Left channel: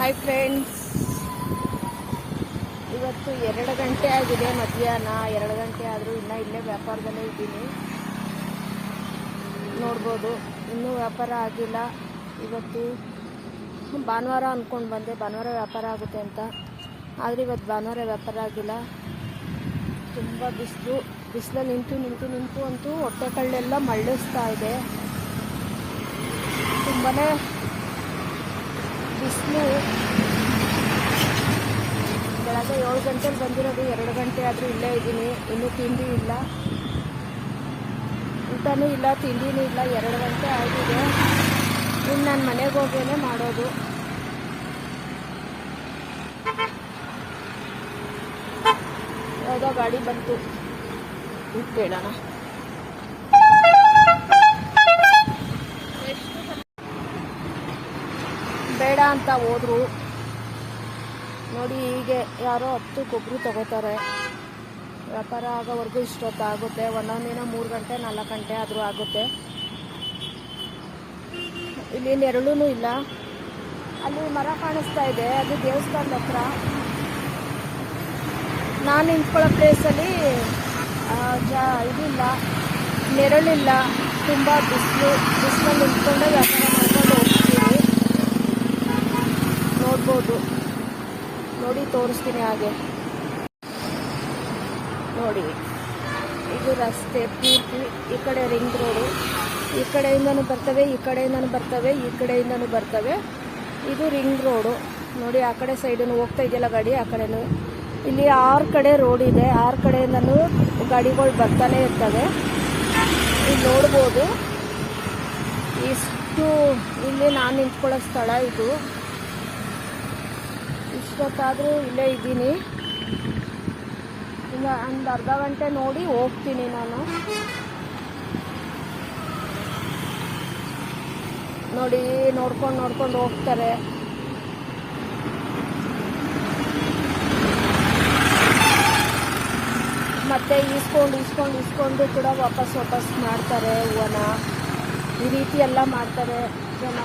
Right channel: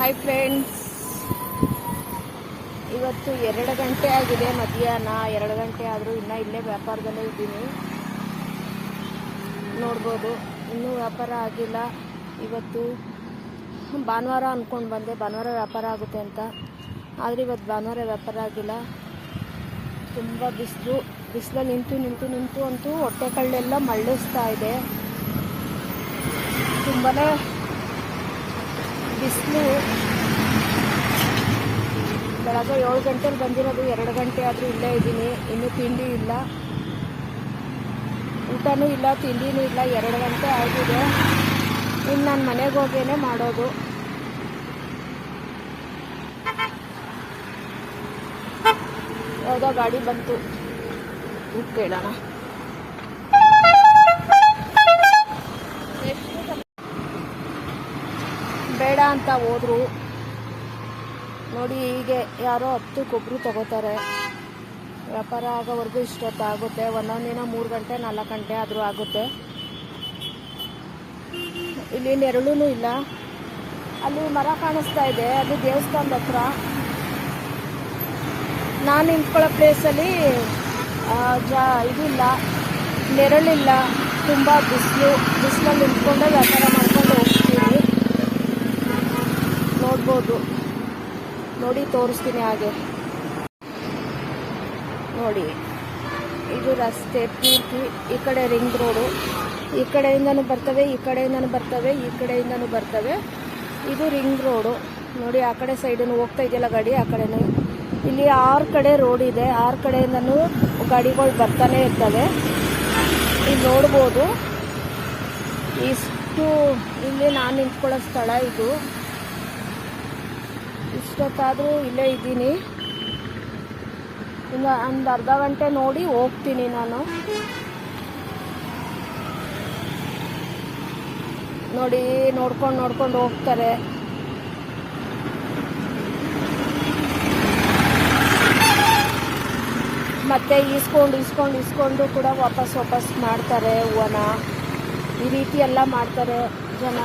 Hi friend, ಇವತ್ತು 2 ಗಂಟೆ ಆಗಿದೆ ಮಧ್ಯಾಹ್ನ. 2 ಗಂಟೆ ಆದರೂ ಇನ್ನೂ ಇಲ್ಲೇ ವ್ಯಾಪಾರದಲ್ಲೇ ಇದ್ದೀನಿ. ನೋಡ್ಬೋದು, ಇನ್ನೂ ವ್ಯಾಪಾರ ಆಗಿಲ್ಲ. ಇವತ್ತು ಭಾನುವಾರ ಅಂದ್ಕೊಂಡು ಬಂದೆ, ಭಾನುವಾರ ವ್ಯಾಪಾರ ಆಗುತ್ತೆ ಅಂತ. ಆದರೆ ಇವತ್ತು ಭಾನುವಾರ ವ್ಯಾಪಾರ ಆಗಿಲ್ಲ. ತುಂಬ ಬಿಸಿಲಲ್ಲಿ ನಿಂತು ಅಂತೂ ಹೊಟ್ಟೆ ಕಳ್ಳೆಲ್ಲ ಮಳ್ಳಿಸ್ತಾ ಇದೆ. ತುಂಬಾ ಬಿಸಿಲು. ಬೆಳಗ್ಗೆ 7 ಗಂಟೆಲಿ ಬಂದಿರೋದು, 2 ಗಂಟೆ ಆದರೂ ಇಲ್ಲೇ ಇದ್ದೀನಿ. ಇನ್ನೂ ತಿಂಡಿ ಇಲ್ಲ, ಊಟನೂ ಇಲ್ಲ, ತಿಂಡಿನೂ ಇಲ್ಲ. 2 ಗಂಟೆ ಆಗಿದೆ. ಇನ್ನು ನಾನು ಮನೆಗೆ ಹೋಗೇನೆ ಮಾಡೋದು. ಯಾವುದೋ ಗಾಡಿ ಬಂತು, ಕೇಳೋಣ. ಬೇಡ ಅಂತ ಹೋದ್ರು ನೋಡಿ. ಹೀಗೆ ಯಾರೋ 10 ಕೊಬ್ಬರಿ ತಗೋತಾರೆ. ವ್ಯಾಪಾರ ಆಗೋವರೆಗೂ ಇಷ್ಟೊತ್ತಾಗುತ್ತೆ. ಒಂದೊಂದು ದಿನ 3 ಗಂಟೆ 4 ಗಂಟೆ ಆದರೂ ಆಗುತ್ತೆ. ಇಲ್ಲಿ ನೆರಳೂ ಇಲ್ಲ. ಅಲ್ಲಿ ಮರ ಕಾಣಿಸ್ತಾ ಇದೆ, ಅದು ದೇವಸ್ಥಾನದ ಹತ್ರ. ನಾನು ನಿಂತ್ಕೊಳ್ಳೋ ಪ್ಲೇಸಲ್ಲಿ ಇದಿಲ್ಲ, ನೆರಳಿಲ್ಲ. ತುಂಬ ಬಿಸಿಲಲ್ಲಿ ನಿಂತ್ಕೊಂಡೆ ವ್ಯಾಪಾರ ಮಾಡ್ಕೊಂಡು ಹೋಗ್ತೀನಿ. ನೋಡ್ಬೋದು, ನೋಡಿ ತೋರಿಸ್ತೀನಿ. ಹಾಗೆ ನೋಡಿ, ಇದು ರಸ್ತೆ ಪೂರ್ತಿ. ಈ ಕಡೆ ರಿಂಗ್ ರೋಡು, ಈ ಕಡೆಯಿಂದನೂ ಬರ್ತವೆ, ಈ ಕಡೆಯಿಂದನೂ ಬರ್ತವೆ, ಈ ಕಡೆಯಿಂದನೂ ಬರ್ತವೆ. ಇದು ರಿಂಗ್ ರೋಡು ನೋಡಿ. ಆ ಕಡೆ ಸೈಡನ್ನು ಹೋಗ್ತಾ ಇದೆಯಲ್ಲ ಗಾಡಿ, ಆ ಕಡೆನೂ. ಇಲ್ಲಿ 6 ಕಡೆ ರೋಡ್ ಇದೆ. 6 ಕಡೆಯಿಂದನೂ ಗಾಡಿಗಳು ಬರ್ತಾನೆ ಇರ್ತವೆ. ಇಲ್ಲಿ ನೋಡ್ಬೋದು, ಇಷ್ಟು ಇಲ್ಲಿ ನಾನು ನಿಂತ್ಕೊಳ್ಳೋ ಸ್ಥಳ ಇದು. ಇಷ್ಟೊತ್ತಾದರೂ ಇಲ್ಲೇ ಇದ್ದೀನಿ. ಇನ್ನು ಒಂದು ಅರ್ಧ ಗಂಟೆ ನೋಡಿ ಹೋಗ್ತೀನಿ ನಾನು. ನೋಡಿ, ನೋಡ್ಕೊಂಡು ಹೋಗ್ತಾರೆ. ಮತ್ತೆ ಇಸ್ಕೊಂಡು ಕೂಡ ವಾಪಸ್ ಮಾಡ್ತಾರೆ ಹೂವನ. ಈ ರೀತಿ ಎಲ್ಲ ಮಾಡ್ತಾರೆ ಜನ.